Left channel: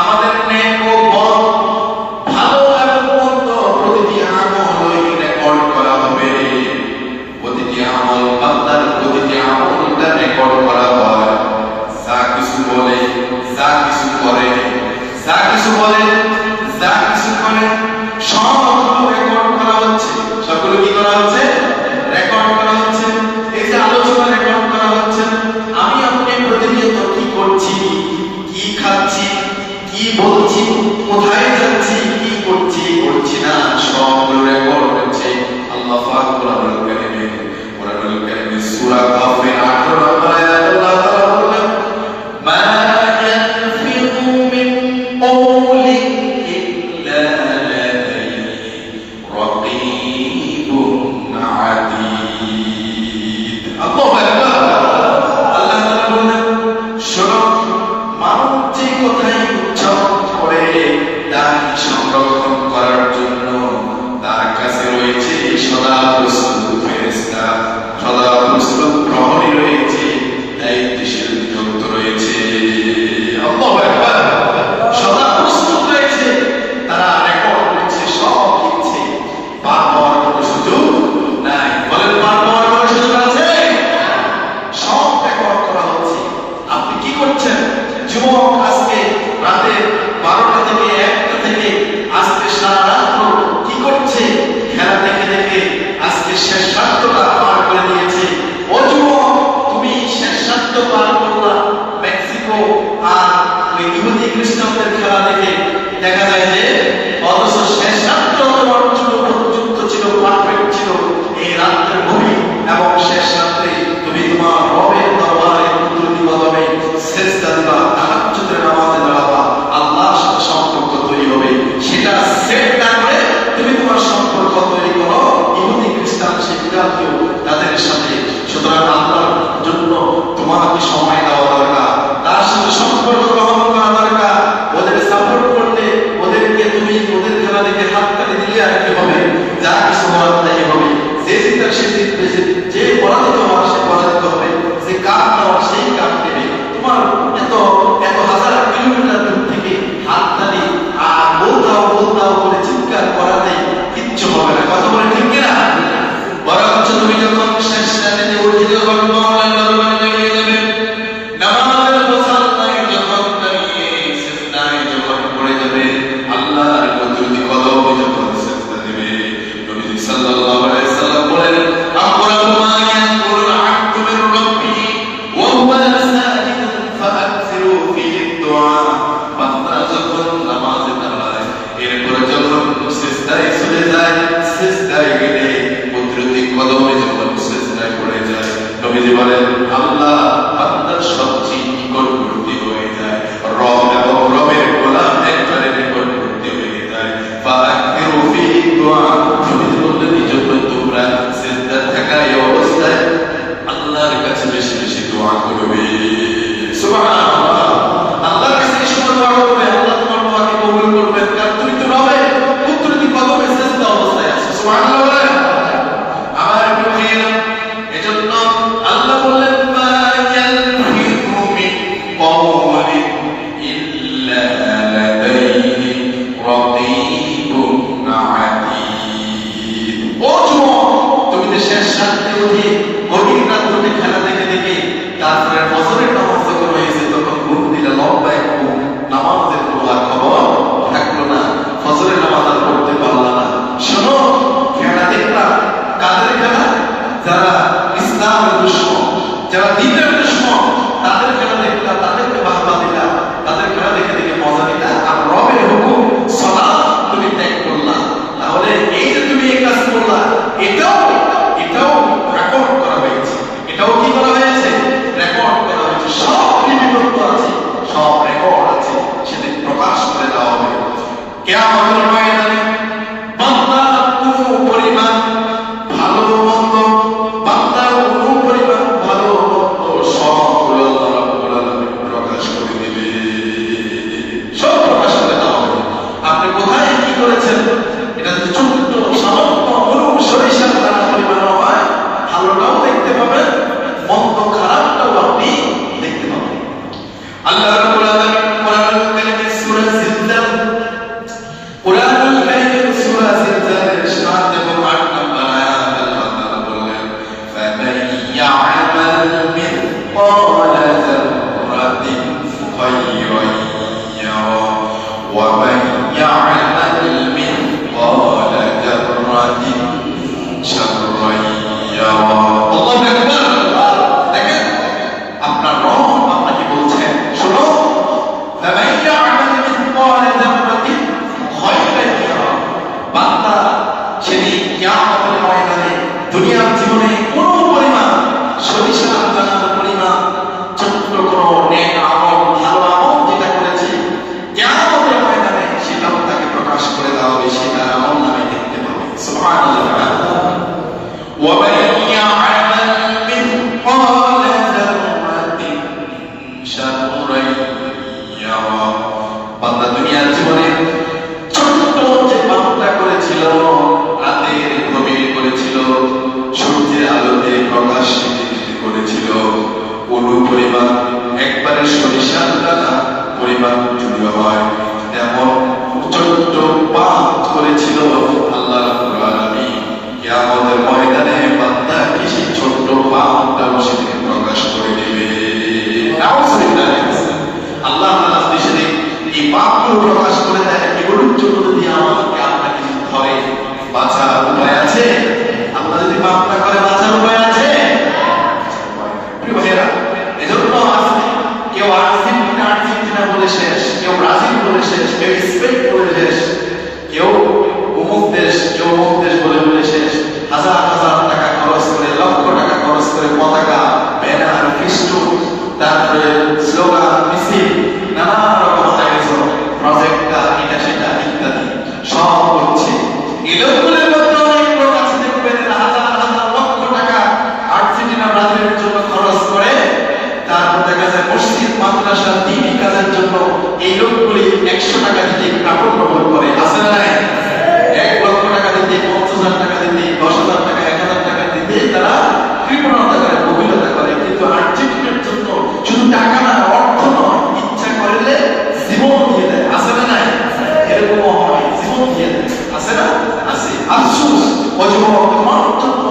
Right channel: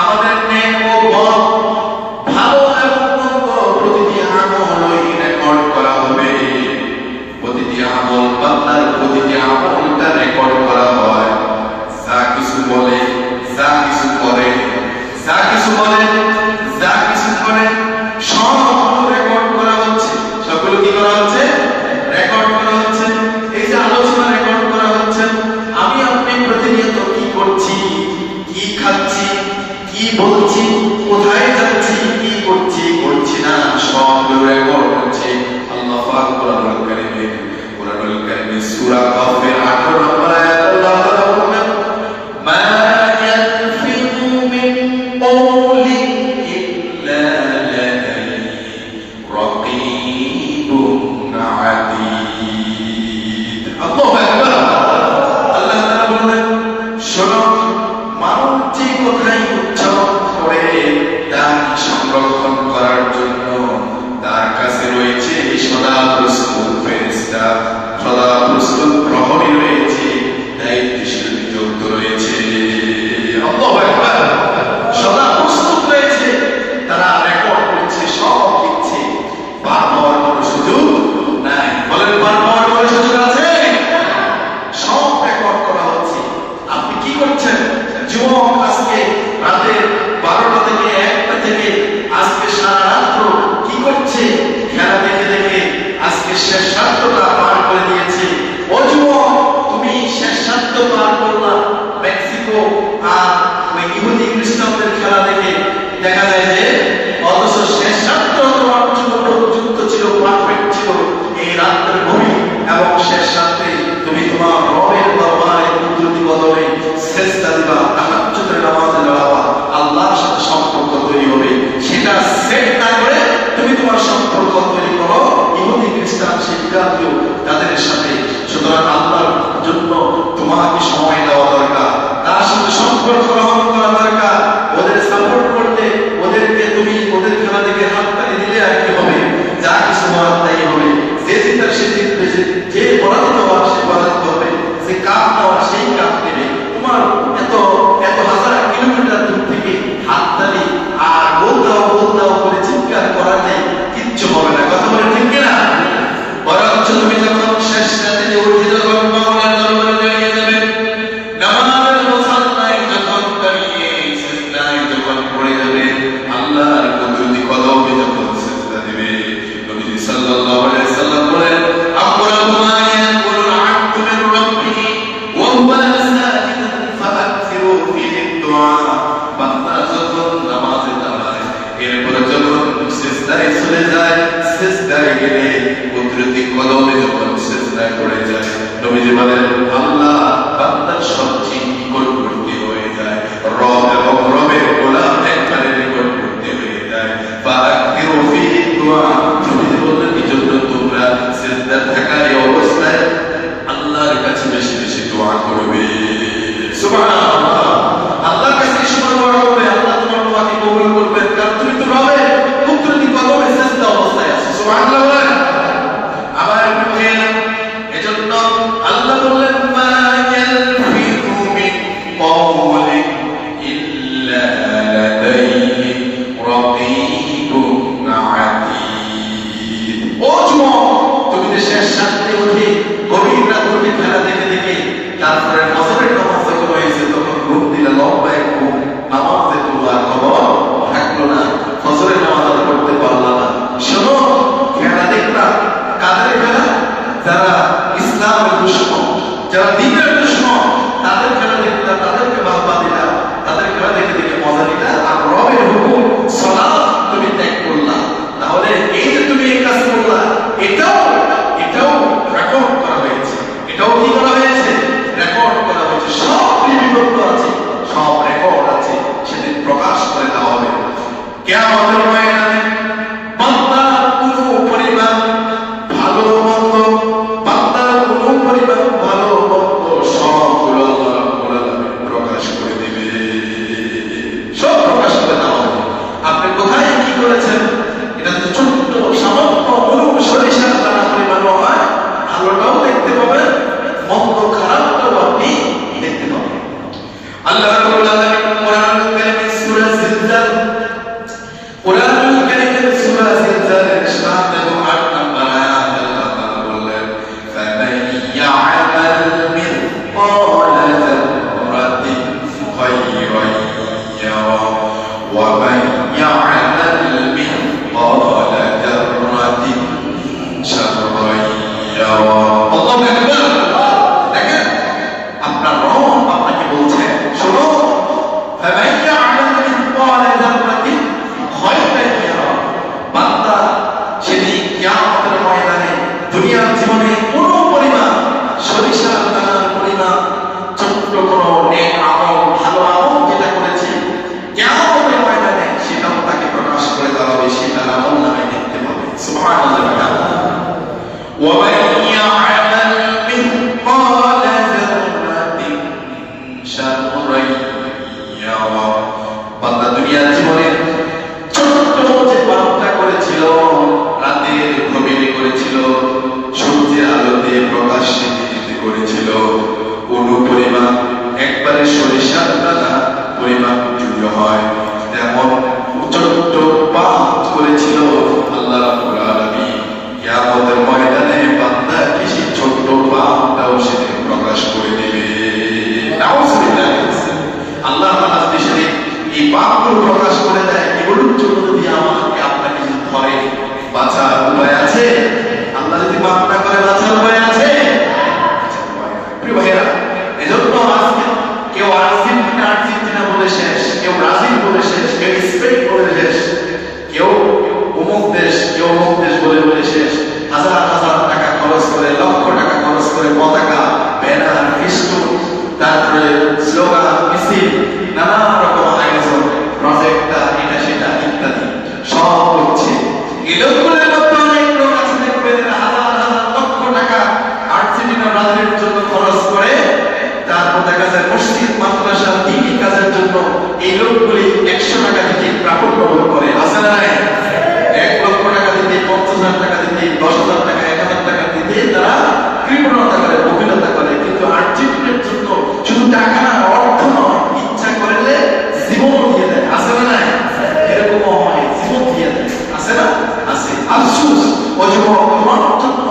আমাদের নেক ও বদ, ভালো এবং মন্দ প্রতিটি আমলই রেকর্ড করা হবে। প্রতিটি আমল, বান্দার প্রতিটি আমলটা রেকর্ড করা হয়। যা কিছু বলে, যা কিছু করে, যা কিছু বলে, যা কিছু করে, সবগুলো রেকর্ড করা হচ্ছে। সবগুলো কি করা হচ্ছে? রেকর্ড করা হচ্ছে। এই যে আলোচনা রেকর্ড করা হচ্ছে, আমি আপনি প্রতিনিয়ত কি করছি, কি খাচ্ছি, কি বলছি, কোথায় যাচ্ছি, কি করছি, করছি না, সবগুলো রেকর্ড হচ্ছে। আল্লাহ পাক কোরআনুল কারীমে সূরা কাফের 18 নম্বর আয়াত আল্লাহ তাআলা বলেন, মা ইয়ানফিযু মিন কওলিন ইল্লা লাদাইহি রাকীবুন আতীদ। আল্লাহু আকবার। আল্লাহ তাআলা বলেন, শোনো, মানুষ যে কথাই উচ্চারণ করে তা সংরক্ষণ করার জন্য তার কাছে রয়েছে সদা প্রস্তুত ফেরেশতা, সদা প্রস্তুত প্রহরী রয়েছে, দায়িত্বশীল নিযুক্ত রয়েছে। আল্লাহু আকবার। সদা প্রস্তুত রয়েছে, তারা রেকর্ড করছে, সব লিখছে। পার হওয়ার কোনো সুযোগ নাই। বলেন, পার হওয়ার কোনো সুযোগ আছে? সব রেকর্ড করা হচ্ছে। আপনি কি করছেন? যুবক আজকে রাতের 12টা থেকে 1টা থেকে আজকে সারা রাত্র কি করছে? খেলা দেখে দেখে আজকে শেষ রাতটা পার করে দিয়েছে। ও যুবক, তুমি শেষ রাত পার করলা মেক্সিকো আর ওই ইহুদি খ্রিস্টানদের খেলা দেখে। দেখা যায় যে অথচ শেষ রাতটা তোমার যুক্ত ছিল, পারফেক্ট ছিল। এই রাত্রের ভূমি এবং শেষ রাত্রে তুমি তোমার রবের দরবারে কুদরতি বদলে সেজদা দিবা, তাহাজ্জুদের নামাজে দাঁড়াবা, আল্লাহর সাথে সম্পর্ক তৈরি হবে। সেটা সেট না করে তুমি তোমার সম্পর্ক তৈরি করো ইহুদি খ্রিস্টান সেই বিরাটীয় তাদের সাথে। সুতরাং আল্লাহর জন্য তোমাকে সময় দেওয়া দরকার, তার সাথে সম্পর্ক গ্রহণ করা দরকার। ওদের সাপোর্ট করলে, ওদেরকে তুমি ওদের খেলা দেখে হাততালি দিলে আর কি হবে? যা কিছু হওয়ার তাই হবে। যে জিতার সে জিতবে, যে পরাজিত হওয়ার সে পরাজিত হবে, যে কাপ নেওয়ার সেই কাপ নেবে। তোমার এত এত হাজার কিলোমিটার দূর থেকে হাততালি আর বল দাও বলে চিৎকার করাতে কিচ্ছু হবে না। কথা বলে ঠিক না? বরঞ্চ তুমি যখন শেষ রাতে উঠে যখন মাওলার দরবারে দাঁড়িয়ে যাবে, নামাজের মুসাল্লায় যখন দাঁড়িয়ে সিজদায় যখন পড়ে যাবে, আল্লাহর কুদরতি কদমে যখন সিজদা দিবে, নবী সাল্লাল্লাহু আলাইহি সাল্লাম বলেন, আকরাবু মা ইয়াকুলুল আবদু মির রাব্বিহি ওয়া হুয়া সাজিদ ফাআকসিরু ফিহি দুআ। বান্দা যখন নামাজে দাঁড়ায়, এরপরে যখন সিজদায় চলে যায়, সিজদায় গেলে কুদরতি কদমে যখন সিজদায় পড়ে যায়, নবীজি বলেন, আল্লাহ বান্দার সবচেয়ে নিকটবর্তী হয়ে যায়। রব এবং রবের গোলাম একবারে নিকটবর্তী হয়ে যায়। ফাআকসিরু ফিহি দুআ। নবীজি বললেন, এই জন্য তোমরা সিজদায় থাকা এই অবস্থায় আল্লাহর কাছে বেশি বেশি দোয়া করবে। সুবহানাল্লাহ। আল্লাহর কাছে বেশি দোয়া করবে, আল্লাহ তোমার দোয়াকে কবুল করবেন, কারণ তুমি তো রবের কুদরতি কদমে সিজদা অবস্থায় আছো। সুবহানাল্লাহ বলেন। আবার একটু ভাইয়া, এজন্য আল্লাহ বললেন, মা ইয়ালফিযু মিন কওলিন ইল্লা লাদাইহি রাকীবুন আতীদ। ও যুবক, তুমি যে শেষ রাতে উঠে গভীর রাতে খেলা দেখে দেখে তারপরে ফজরের নামাজ যখন হয়েছে তখন ঘুম দিলে, লম্বা এক ঘুম, নামাজের কোনো আর খবর থাকলো না, ফজরের নামাজ আর পড়তে পারলা না। শোনো, খেলা দেখলাম, কাদের খেলা? যারা ইসলামের দুশমন, যারা দ্বীনের দুশমন, তাদের খেলা দেখলাম, তাদেরকে বাহবা দিলা, তাদের খেলা দেখে দেখে মজা দিলা, আর রবের হুকুম সালাত তুমি ত্যাগ করলা। তাহলে এই যে তুমি এই কাজ করলা, এটাও রেকর্ড করা হয়েছে। এটাও কি করা হয়েছে? রেকর্ড করা হয়েছে। সব লিপিবদ্ধ আছে, সব রেকর্ড আছে, সেদিন প্রকাশ করে দেওয়া হবে। কিয়ামতের ময়দানে বান্দার কোনো পরিমাণ ভালো মন্দ, বান্দার কোনো পরিমাণ ভালো মন্দ সবগুলো আল্লাহ রাব্বুল আলামিন প্রকাশ করে দিবে। সব প্রকাশ করে দেওয়া হবে। আপনি কোথায় কি করেছেন? এটা তো ছোট্ট সামান্য সরিষার দানা পরিমাণ হয়। ভালোটাও দেখতে পাবেন, মন্দ খারাপটাও আপনি দেখতে পাবেন। আল্লাহ রাব্বুল আলামিন তৈরি হয়, যেমন ছোট্ট পাপ করেছিল আল্লাহ রাব্বুল আলামিন কিয়ামতের ময়দানে বান্দাকে সেই ছোট্ট পাপটাও সেদিন প্রকাশ করে দিবে। নাউজুবিল্লাহ। আল্লাহ তাআলা দেশে এই পাপগুলো প্রকাশ করে দেয়, এগুলোর জন্য যদি আমাকে আপনাকে যদি ধরে বাঁচার উপায় আছে? আল্লাহ যদি মাফ না করে বাঁচার উপায় আছে? প্রিয় ভাইয়েরা, এজন্য আজকে কেউ আর্জেন্টিনা বলে শেষ, কেউ ব্রাজিল বলে শেষ, কেউ স্পেন বলে শেষ, কেউ অমুক দেশ, কেউ অমুক দেশ বলে বলে শেষ। হাজার হাজার টাকা খরচ করে, লক্ষ টাকা খরচ করে পতাকা, ব্যানার, ফেস্টুন, তারপরে স্লোগান, মিছিল, নানান রকম আয়োজন, প্রজেক্টর, এটা সেটা ইত্যাদি সব হচ্ছে। এই লোকগুলোর মধ্যে অনেক লোক আছে দেখবেন হাজার হাজার লক্ষ টাকা আর্জেন্টিনা ব্রাজিলের জন্য খরচ করে, তারপর দেখা যায় মসজিদ, মাদ্রাসা, দ্বীনি কাজের জন্য এই লোকগুলি 100 টাকা দিতে কাপড় ব্যবহার করে। আছে না নাই? 1 লক্ষ টাকা দিতে, 50,000 টাকা দিতে, 10,000 টাকা, 1,000 টাকা দিতে তারা কৃপণতা করে, বহিলতা করে। কিন্তু আর্জেন্টিনার জন্য শুধু টাকা না, অর্থ নয়, ইচ্ছা করলে জীবন দিয়ে দেয়। আছে না নাই? এরকম হয়, জীবন দিয়ে দেয়। আছে না? আছে। আফসোস, অযুবক, তোমার জন্য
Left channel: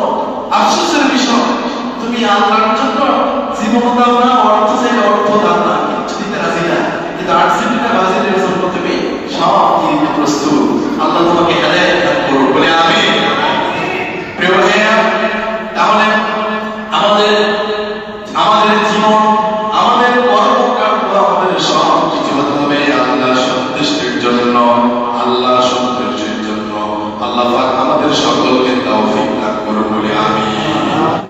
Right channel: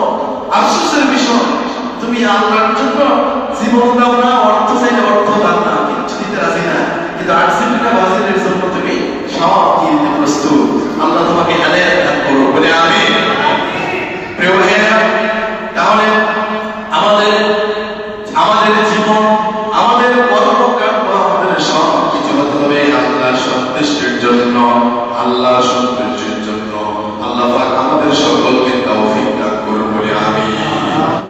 আফসোসের বিষয়, তুমি আল্লাহর জন্য জীবন দাও না,